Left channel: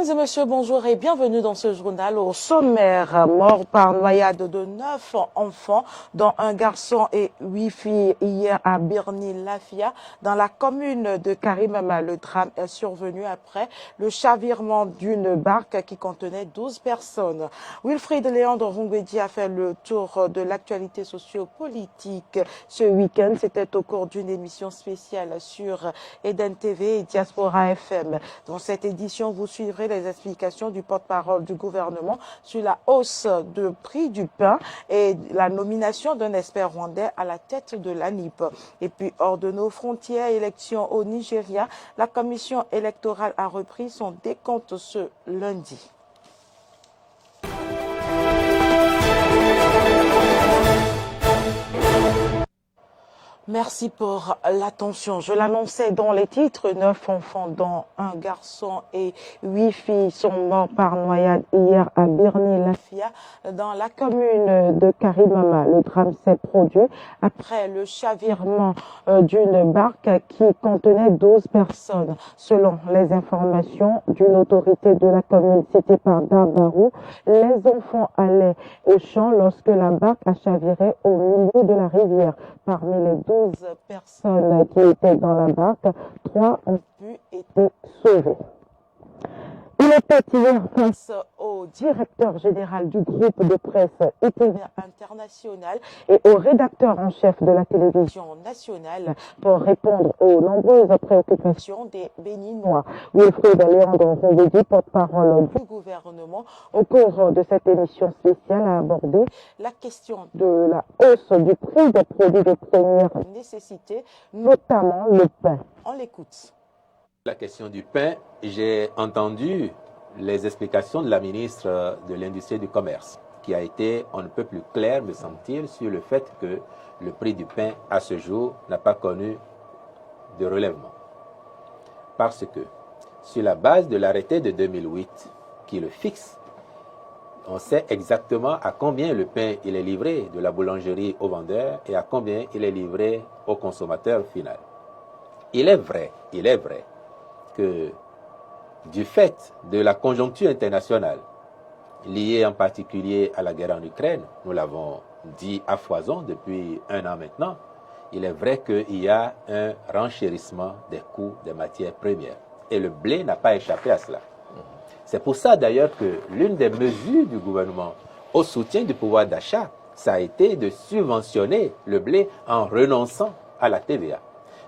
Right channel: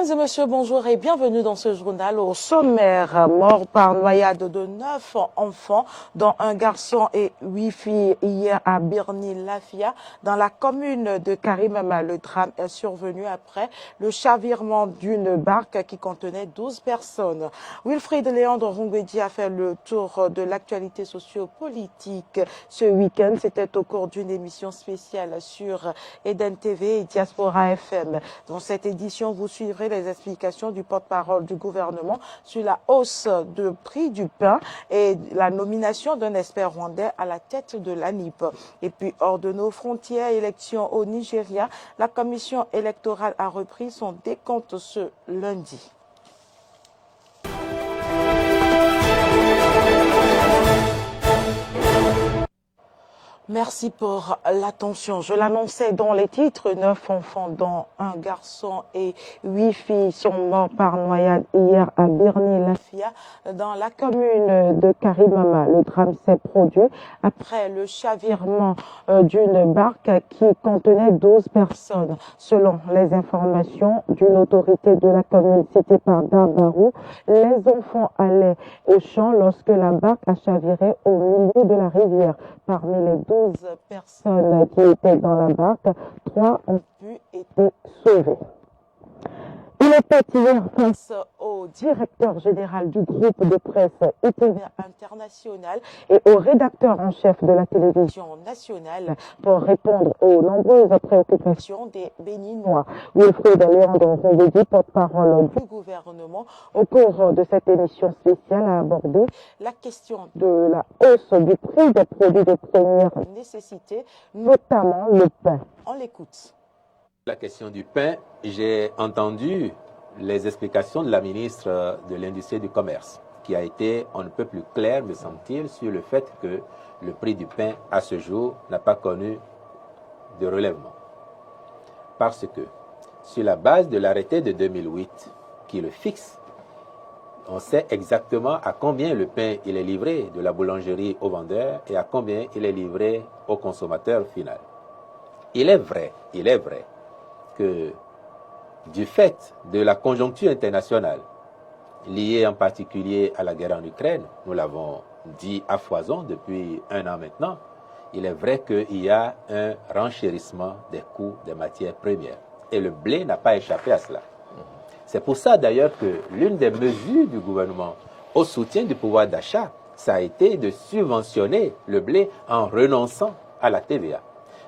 Mesdames et messieurs, bonjour et bienvenue dans ce journal. Au sommaire, mort par noyade de 9 enfants, dont un garçon et 8 filles hier à Birni-Lafia, dans la commune de Karimama. Le drame est survenu après le chavirement d'une barque qui contenait 12 personnes. Wilfried Léandre Rongbedi a fait le tour de l'actualité socio-politique ce week-end. C'était au cours d'une émission spéciale sur Eden TV et Diaspora FM. Dans cette édition, vous suivrez les explications du porte-parole du gouvernement sur la hausse de prix du pain et la nomination d'un expert rwandais à la tête de l'ANIP. Et puis, hors de nos frontières, élections au Nigeria, la commission électorale a repris son décompte ce lundi. Merci pour l'attention. Je l'annonçais dans les titres, 9 enfants dont un garçon et 8 filles sont morts par noyade hier à Birni-Lafia dans la commune de Karimama. Le drame s'est produit après le chavirement d'une barque qui contenait 12 personnes. Selon les informations d'une autorité de la commune citée par Darbarou, les enfants allaient au champ lorsque la barque a chaviré au milieu de la rivière. Parmi les 12 personnes qui étaient dans la barque, 3 ont pu être sauvées. Il était hier face au directeur général du groupe de presse ITV International et au rédacteur en chef de la télévision nationale pour répondre aux nombreuses préoccupations des Béninois. Wilfried Léandre Rongbedi, porte-parole du gouvernement, au cours de cette émission spéciale, a abordé la question de la hausse du prix des produits de première nécessité, notamment le pain. On l'écoute. La question du pain, j'ai entendu les explications de la ministre de l'Industrie et du Commerce, qui a été, on ne peut plus clair, me semble-t-il, sur le fait que le prix du pain, à ce jour, n'a pas connu de relèvement. Parce que, sur la base de l'arrêté de 2008, qui le fixe, on sait exactement à combien le pain il est livré de la boulangerie au vendeur et à combien il est livré au consommateur final. Il est vrai que du fait de la conjoncture internationale, liée en particulier à la guerre en Ukraine, nous l'avons dit à foison depuis 1 an maintenant, il est vrai qu'il y a un renchérissement des coûts des matières premières. Et le blé n'a pas échappé à cela. C'est pour ça d'ailleurs que l'une des mesures du gouvernement au soutien du pouvoir d'achat, ça a été de subventionner le blé en renonçant à la TVA.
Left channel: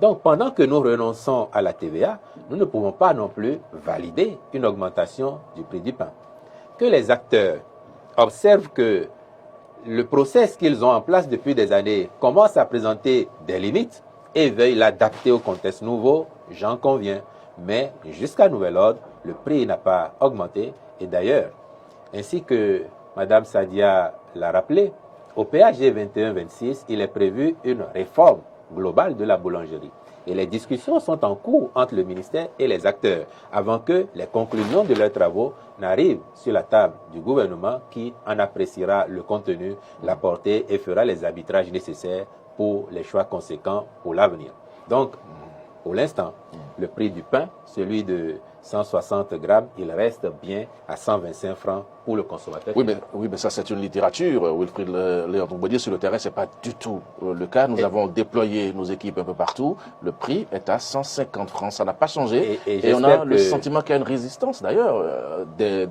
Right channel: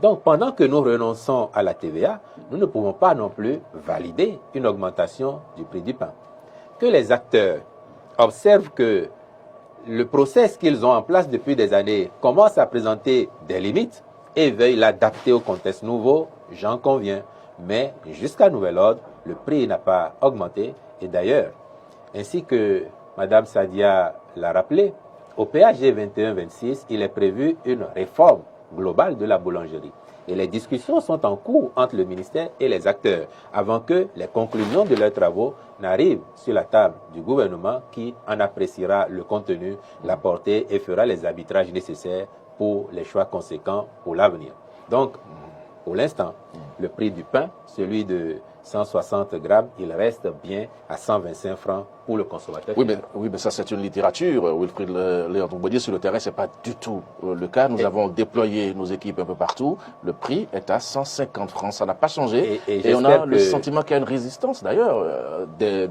Donc, pendant que nous renonçons à la TVA, nous ne pouvons pas non plus valider une augmentation du prix du pain. Que les acteurs observent que le process qu'ils ont en place depuis des années commence à présenter des limites et veuillent l'adapter au contexte nouveau, j'en conviens. Mais jusqu'à nouvel ordre, le prix n'a pas augmenté. Et d'ailleurs, ainsi que Mme Sadia l'a rappelé, au PAG 21-26, il est prévu une réforme globale de la boulangerie. Et les discussions sont en cours entre le ministère et les acteurs, avant que les conclusions de leurs travaux n'arrivent sur la table du gouvernement qui en appréciera le contenu, la portée et fera les arbitrages nécessaires pour les choix conséquents pour l'avenir. Donc, pour l'instant, le prix du pain, celui de 160 grammes, il reste bien à 125 francs pour le consommateur. Oui, mais ça c'est une littérature. Wilfried Léandre Rongbedi, sur le terrain, ce n'est pas du tout le cas. Nous avons déployé nos équipes un peu partout. Le prix est à 150 francs. Ça n'a pas changé. Et on a le sentiment qu'il y a une résistance d'ailleurs des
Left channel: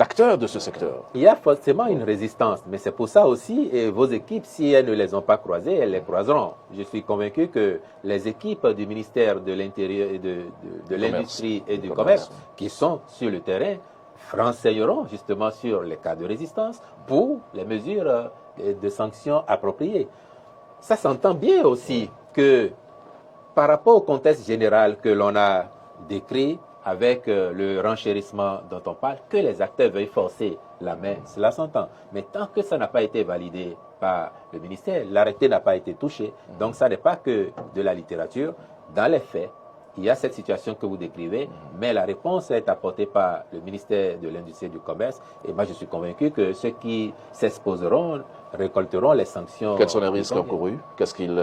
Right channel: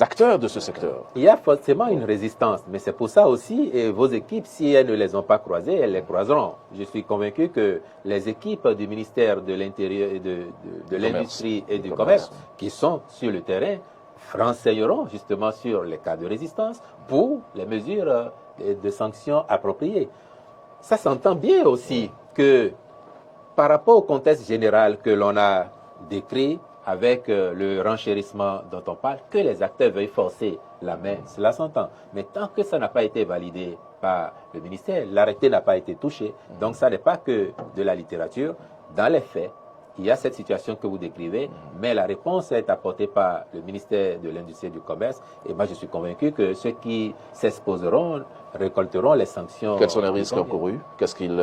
acteurs de ce secteur. Il y a forcément une résistance, mais c'est pour ça aussi, et vos équipes, si elles ne les ont pas croisées, elles les croiseront. Je suis convaincu que les équipes du ministère de l'Intérieur et de l'Industrie et du Commerce qui sont sur le terrain renseigneront justement sur les cas de résistance pour les mesures de sanctions appropriées. Ça s'entend bien aussi que par rapport au contexte général que l'on a décrit avec le renchérissement dont on parle, que les acteurs veuillent forcer la main, cela s'entend. Mais tant que ça n'a pas été validé par le ministère, l'arrêté n'a pas été touché, donc ça n'est pas que de la littérature. Dans les faits, il y a cette situation que vous décrivez, mais la réponse est apportée par le ministère de l'Industrie et du Commerce. Et moi, je suis convaincu que ceux qui s'exposeront récolteront les sanctions. Quels sont les risques encourus? Qu'est-ce qu'ils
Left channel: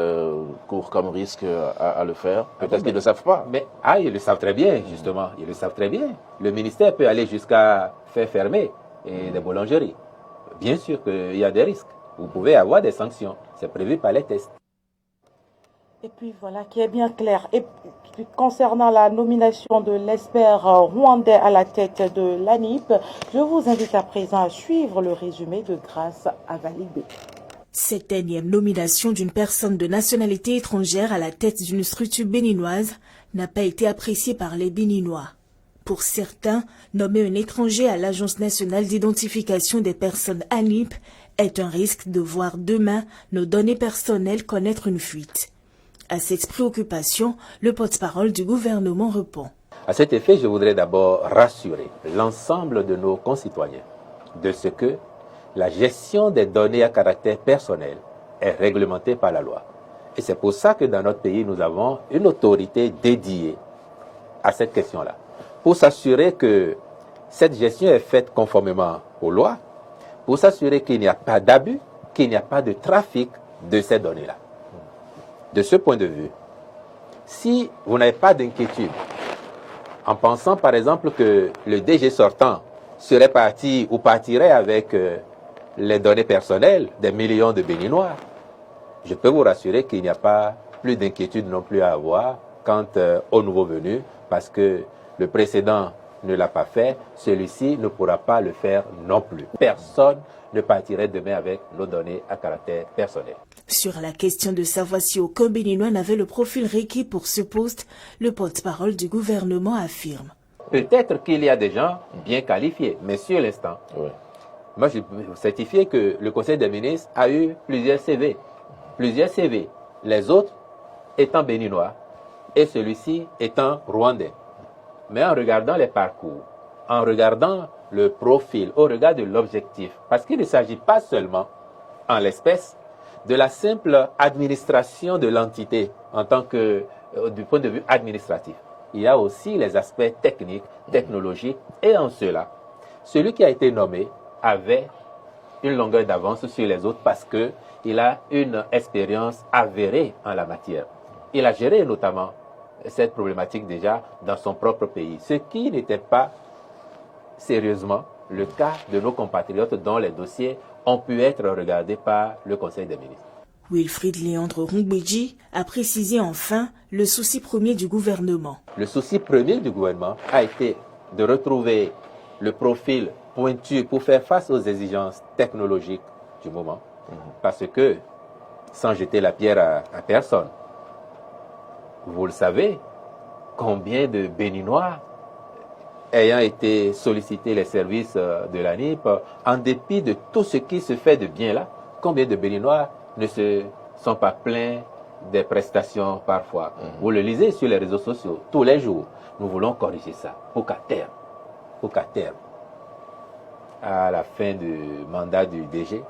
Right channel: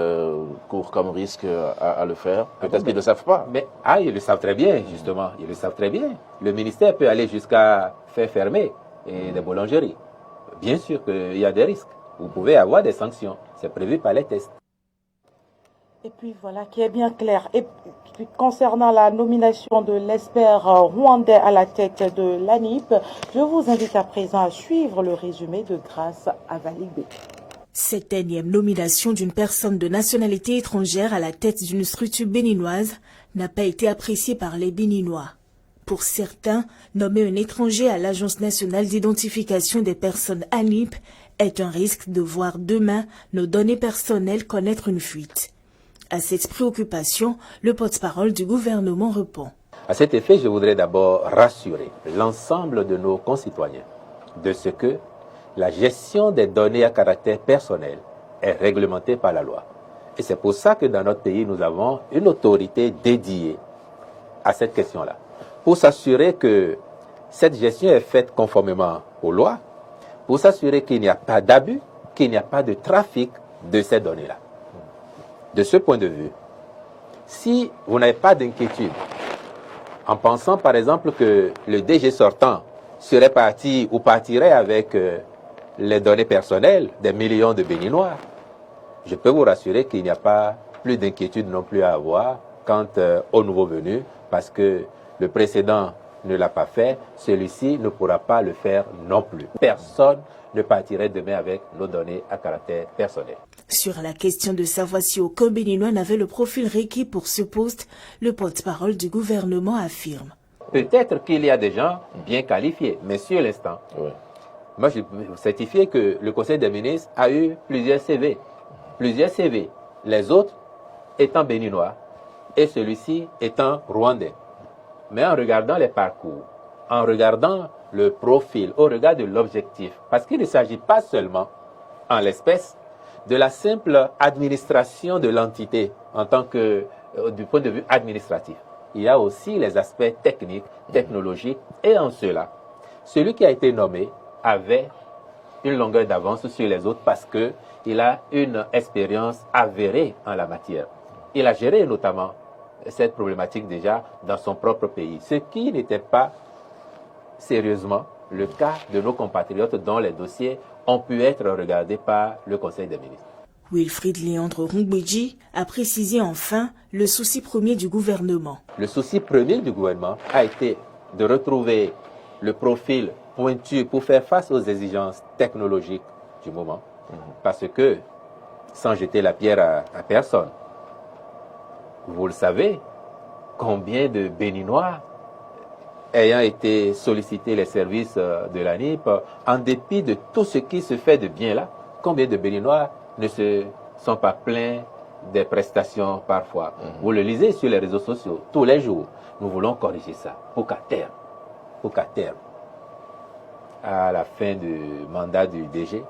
courent comme risque à le faire? Peut-être qu'ils ne le savent pas. Mais, ils le savent très bien, justement. Ils le savent très bien. Le ministère peut aller jusqu'à faire fermer les boulangeries. Bien sûr qu'il y a des risques. Vous pouvez avoir des sanctions. C'est prévu par les tests. Et puis voilà, qui est bien clair. Et concernant la nomination de l'expert rwandais à la tête de l'ANIP, je vous invite à présent à suivre le résumé de Grâce à valider. Cette énième nomination d'une personne de nationalité étrangère à la tête d'une structure béninoise n'a pas été appréciée par les Béninois. Pour certains, nommer un étranger à l'Agence nationale d'identification des personnes ANIP est un risque de voir demain nos données personnelles connaître une fuite. À cette préoccupation, le porte-parole du gouvernement répond. À cet effet, je voudrais d'abord rassurer l'ensemble de nos concitoyens de ce que la gestion des données à caractère personnel est réglementée par la loi. Et c'est pour ça que dans notre pays, nous avons une autorité dédiée à cette question-là, pour s'assurer que cette gestion est faite conformément aux lois, pour s'assurer qu'il n'y a pas d'abus, qu'il n'y a pas de trafic de ces données-là. De ce point de vue, si vous n'avez pas d'inquiétude, en pensant par exemple que le DG sortant serait parti ou partirait avec les données personnelles des millions de Béninois, je peux vous rassurer qu'il n'y a pas plus d'inquiétude non plus à avoir quant au nouveau venu, parce que le précédent ne l'a pas fait, celui-ci ne pourra pas le faire non plus. Personne ne partirait demain avec nos données à caractère personnel. Sur la question de savoir si aucun Béninois n'avait le profil requis pour ce poste, le porte-parole du gouvernement affirme. Peut-être qu'il y a des gens bien qualifiés, mais sur l'instant, moi je peux vous certifier que le Conseil des ministres a eu plusieurs CV. Les autres étant béninois et celui-ci étant rwandais. Mais en regardant les parcours, en regardant le profil, au regard de l'objectif, parce qu'il ne s'agit pas seulement, en l'espèce, de la simple administration de l'entité en tant que, du point de vue administratif. Il y a aussi les aspects techniques, technologiques, et en cela, celui qui a été nommé avait une longueur d'avance sur les autres parce qu'il a une expérience avérée en la matière. Il a géré notamment cette problématique déjà dans son propre pays, ce qui n'était pas sérieusement le cas de nos compatriotes dont les dossiers ont pu être regardés par le Conseil des ministres. Wilfried Léandre Rungbeji a précisé enfin le souci premier du gouvernement. Le souci premier du gouvernement a été de retrouver le profil pointu pour faire face aux exigences technologiques du moment. Parce que, sans jeter la pierre à personne, vous le savez, combien de Béninois ayant été sollicités les services de l'ANIP, en dépit de tout ce qui se fait de bien là, combien de Béninois ne se sont pas plaints des prestations parfois. Vous le lisez sur les réseaux sociaux tous les jours. Nous voulons corriger ça pour qu'à terme, à la fin du mandat du DG,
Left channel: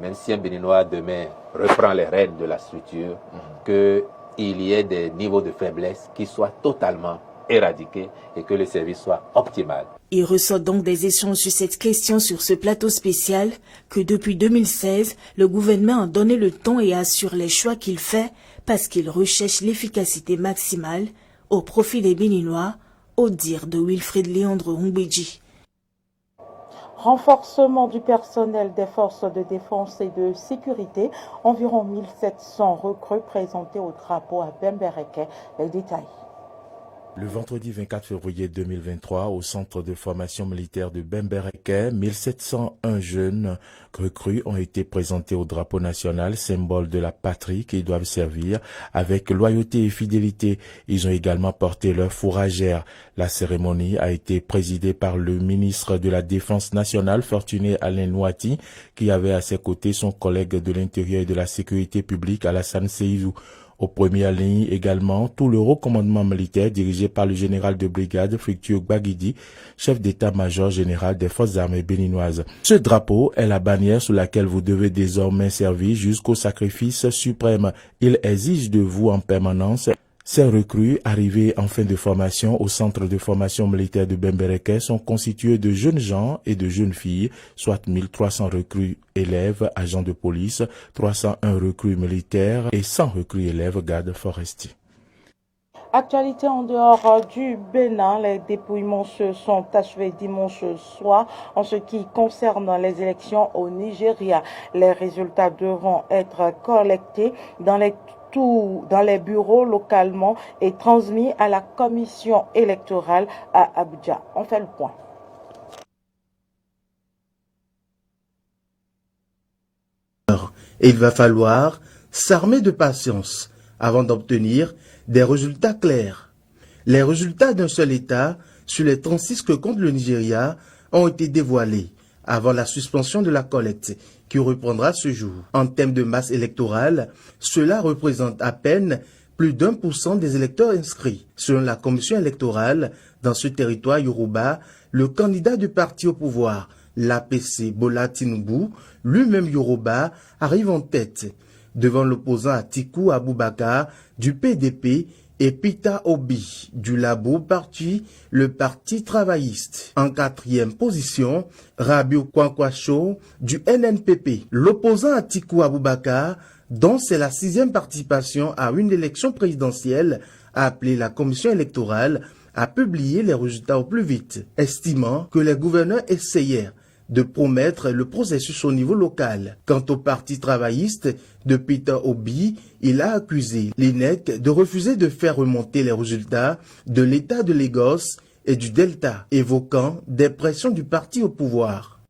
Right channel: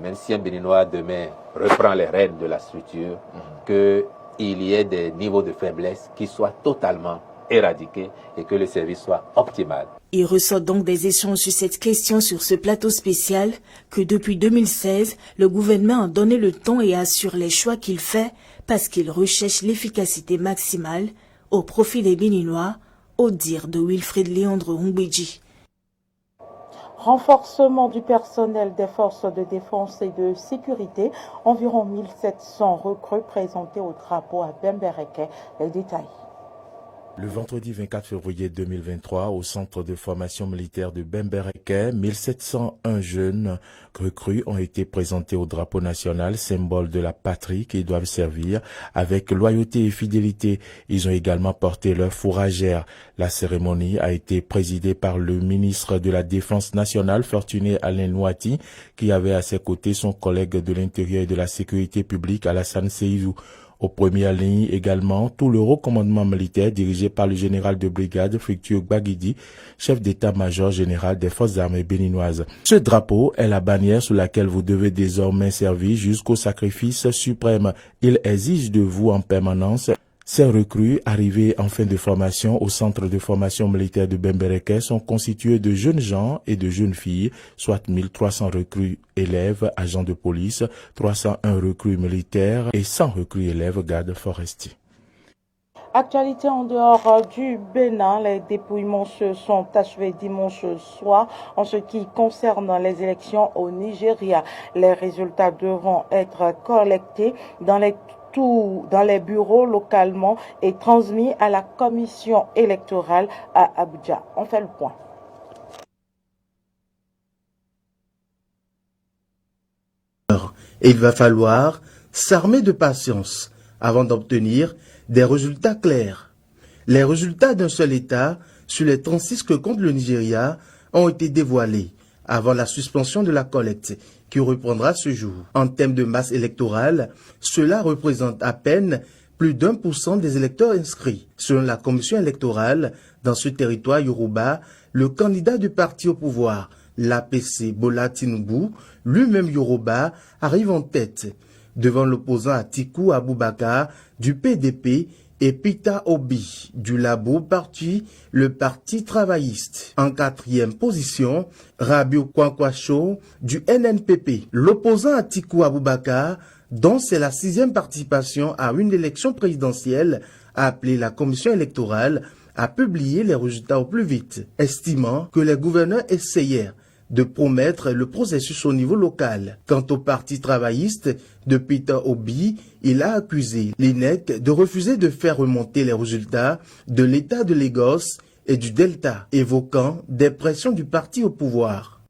même si un Béninois demain reprend les rênes de la structure, qu'il y ait des niveaux de faiblesse qui soient totalement éradiqués et que le service soit optimal. Il ressort donc des échanges sur cette question sur ce plateau spécial que depuis 2016, le gouvernement a donné le ton et assure les choix qu'il fait parce qu'il recherche l'efficacité maximale au profit des Béninois, au dire de Wilfried Léandre Rungbeji. Renforcement du personnel des forces de défense et de sécurité, environ 1700 recrues présentées au drapeau à Bembereke. Les détails. Le vendredi 24 février 2023, au centre de formation militaire de Bembereke, 1701 jeunes recrues ont été présentés au drapeau national, symbole de la patrie qu'ils doivent servir avec loyauté et fidélité. Ils ont également porté leur fourragère. La cérémonie a été présidée par le ministre de la Défense nationale, Fortuné Alain Nouati, qui avait à ses côtés son collègue de l'Intérieur et de la Sécurité publique, Alassane Seydou. Aux premières lignes également, tout le haut commandement militaire dirigé par le général de brigade Fructueux Gbagidi, chef d'état-major général des forces armées béninoises. Ce drapeau est la bannière sous laquelle vous devez désormais servir jusqu'au sacrifice suprême. Il exige de vous en permanence Ces recrues, arrivées en fin de formation au centre de formation militaire de Bembereke, sont constituées de jeunes gens et de jeunes filles, soit 1300 recrues élèves, agents de police, 301 recrues militaires et 100 recrues élèves, gardes forestiers. Actualité en dehors du Bénin, les dépouillements se sont achevés dimanche soir en ce qui concerne les élections au Nigeria. Les résultats devront être collectés dans les bureaux localement et transmis à la commission électorale à Abuja. On fait le point. Et il va falloir s'armer de patience avant d'obtenir des résultats clairs. Les résultats d'un seul État sur les 36 que compte le Nigeria ont été dévoilés avant la suspension de la collecte qui reprendra ce jour. En termes de masse électorale, cela représente à peine plus d'1% des électeurs inscrits. Selon la commission électorale, dans ce territoire Yoruba, le candidat du parti au pouvoir, l'APC Bola Tinubu, lui-même Yoruba, arrive en tête, devant l'opposant Atiku Abubakar du PDP et Peter Obi du Labour Parti, le Parti travailliste. En quatrième position, Rabiu Kwankwaso du NNPP. L'opposant Atiku Abubakar, dont c'est la 6e participation à une élection présidentielle, a appelé la commission électorale à publier les résultats au plus vite, estimant que les gouverneurs essayèrent de promettre le processus au niveau local. Quant au parti travailliste de Peter Obi, il a accusé l'INEC de refuser de faire remonter les résultats de l'État de Lagos et du Delta, évoquant des pressions du parti au pouvoir.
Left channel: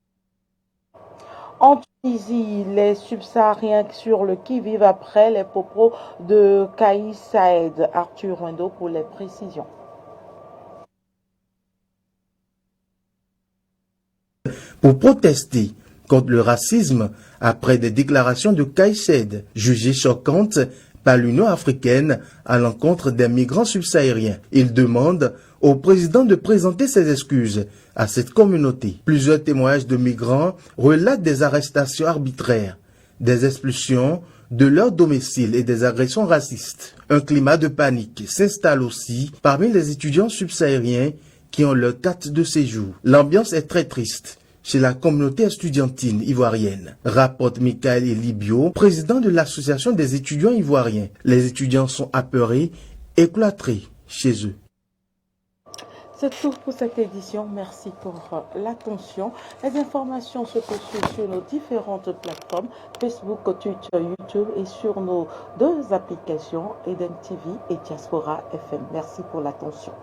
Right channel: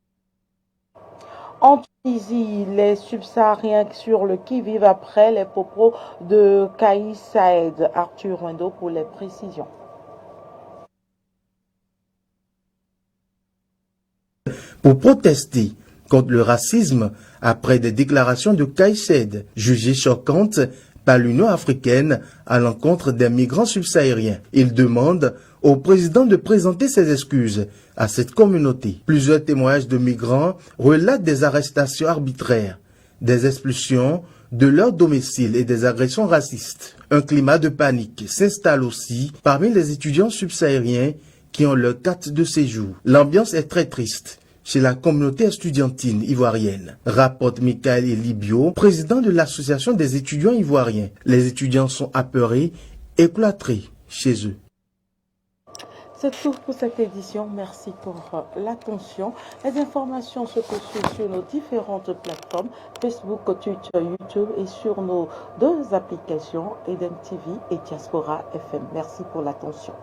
En Tunisie, les subsahariens sur le qui-vive après les propos de Kais Saïed. Arthur Rendo pour les précisions. Pour protester contre le racisme après des déclarations de Kais Saïed, jugées choquantes par l'Union africaine à l'encontre des migrants subsahariens. Il demande au président de présenter ses excuses à cette communauté. Plusieurs témoignages de migrants relatent des arrestations arbitraires, des expulsions de leur domicile et des agressions racistes. Un climat de panique s'installe aussi parmi les étudiants subsahariens qui ont leur carte de séjour. L'ambiance est très triste chez la communauté estudiantine ivoirienne, rapporte Michael Elibio, président de l'association des étudiants ivoiriens. Les étudiants sont apeurés et cloîtrés chez eux. C'est tout pour cette édition. Merci pour l'attention. Les informations se poursuivent sur nos différentes plateformes, Facebook, Twitter, YouTube et sur nos 2 applications, Eden TV et Diaspora FM. Merci pour l'attention.